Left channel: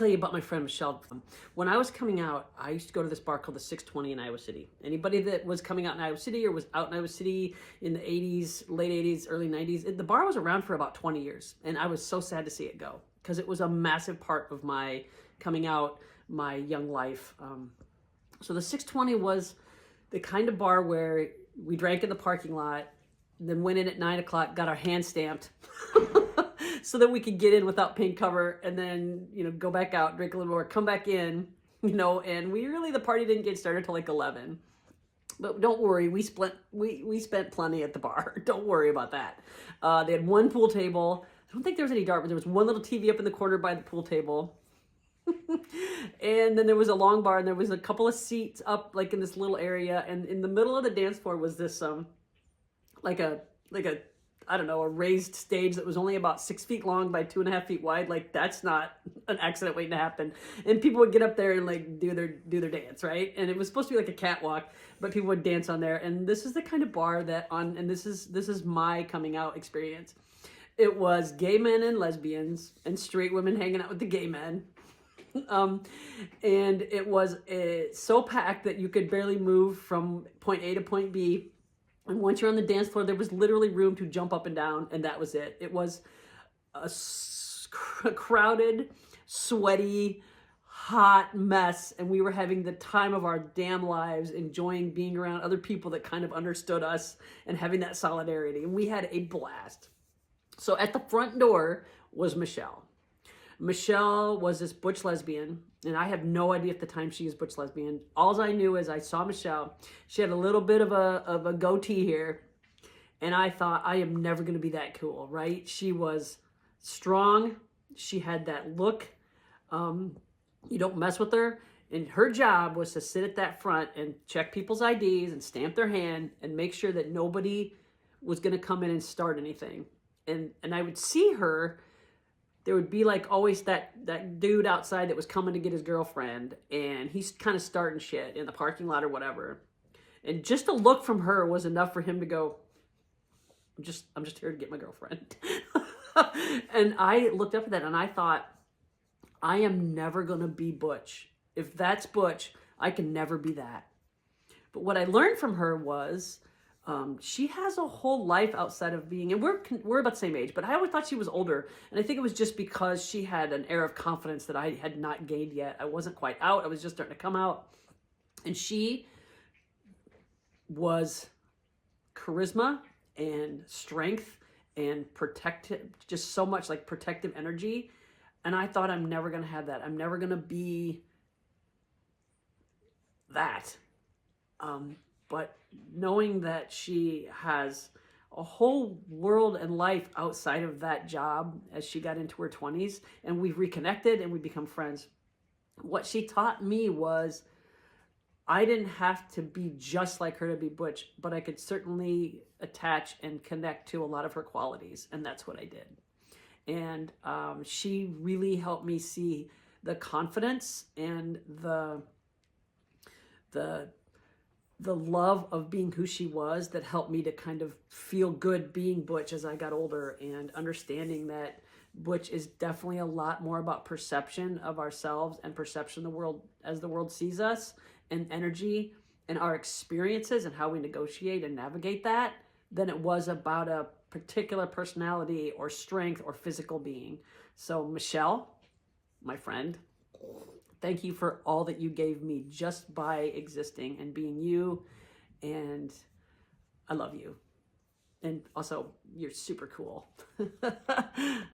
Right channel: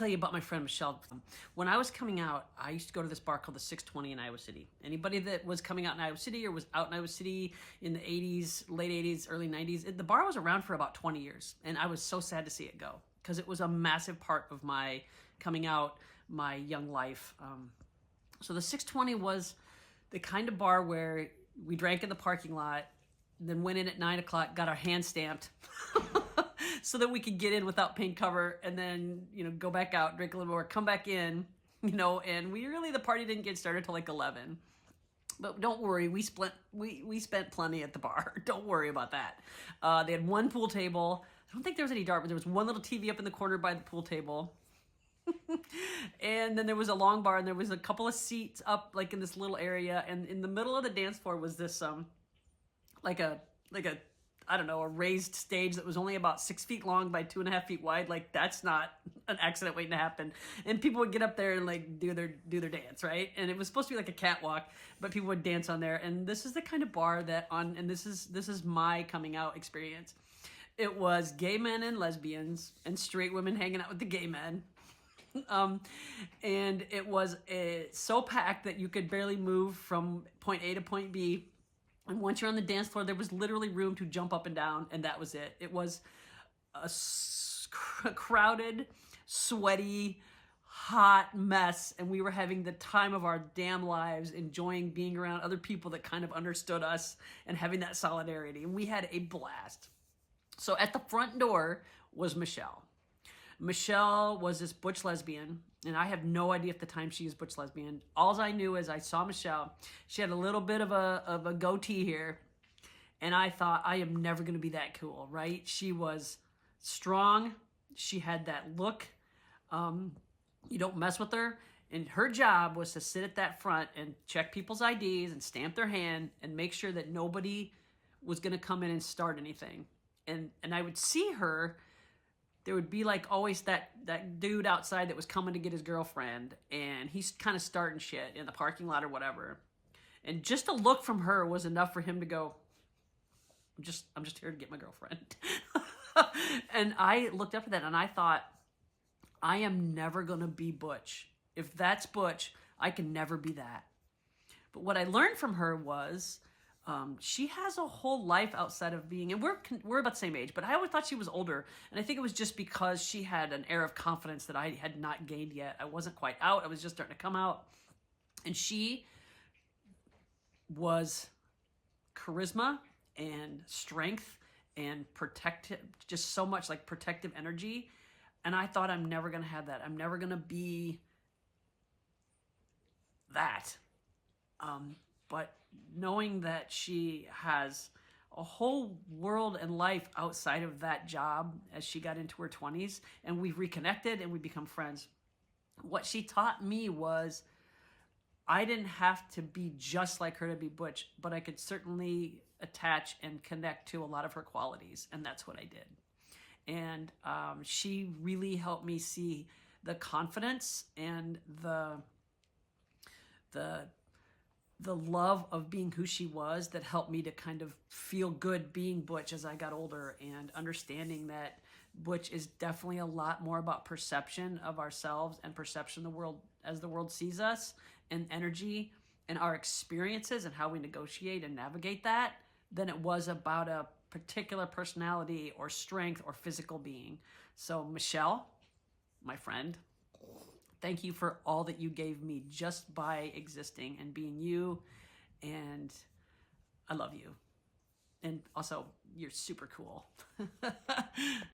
tell you about my friend Michelle. When I was coming out, I used to go to this bar called the 620 in Iowa City. Anybody that was coming out in Iowa City or was out in Iowa City in the 80s, late 80s, early 90s, the bar was around for about 20 years. And I was so sad to see it go because it was a massive part of my coming out, my young life. So the 620 was the kind of bar where we drank in the parking lot, then went in at 9 o'clock, got our hand stamped so that we could get in without paying cover, and then, go back out, drink a little more, come back in, and the party didn't get started till like 11. But don't worry, we spent plenty at the bar. Don't worry about that. They had one pool table. I don't think there was any dart, but there was one little TV up in the corner by the pool table. And then there was a long bar, and there was a couple of seats up like in this little area, and in the middle of the dance floor was this like a I don't know, a raised stage that was only about 6 feet long by 2.5 feet wide. Like, that's not an accident waiting to happen. And people would get up there and like do their dance, right? And it was supposed to be like a catwalk, but people would dance on there. And this is the kind of bar and this is my coming out experience. It was gay men and lesbians and straight women hanging out with the gay men. And it was so packed that you could barely move from point A to point B. And once you're on the dance floor, there was literally room to jump up and down, and that was it. It was a crowded, sweaty, hot mess, and we were having the time of our damn lives, enjoying being around other people that kind of understood us and having that solidarity. And we had a blast. So at the front door was Michelle. Michelle was this butch lesbian, and I have no idea at the time she was butch lesbian. All I knew is I saw Michelle. She had a little bit of a goatee here, and I thought, I am never going to be that cool, right? She was strong. She had that look. You don't mess with her. And her job was to sit at that front and check people's IDs and stamp their hand and make sure that nobody was going to come in and start anything. And I would see her. There would be like always that dude outside that was coming to get his girlfriend, and he's kind of starting shit in the parking lot or whatever. And just a look from her was enough for him to go, I'm just here to get my girlfriend. And I looked up at that and I thought, I am never going to be butch. If that's butch, I can never be that. But what I learned from her was, she has a whole life outside of being, and we're about the same age, but I always thought she was older. And I think it was just because she had an air of confidence that I had not gained yet. I wasn't quite out. I was just starting to come out. And she was charisma and strength and protective, just so much like protective energy. And I thought, I'm never going to have that. I'm never going to be that. But knowing that she has a whole world and life outside of that job as she got into her 20s, and we've reconnected and we become friends. What she taught me was I didn't have to be just like her to be butch, but I could certainly attach and connect to a lot of her qualities, and that's what I did. And she really helped me see the confidence and the love of being who she was that helped me to kind of feel good being butch as I got older, and understanding that butch is definitely a lot more about perception of ourselves and perception of the world as the world sees us, and energy and our experiences and how we negotiate and navigate that, than it was about a particular personality or strength or physical being. So Michelle, my friend, thank you for all that you gave me just by existing and being you. And I love you. And also, you're super cool.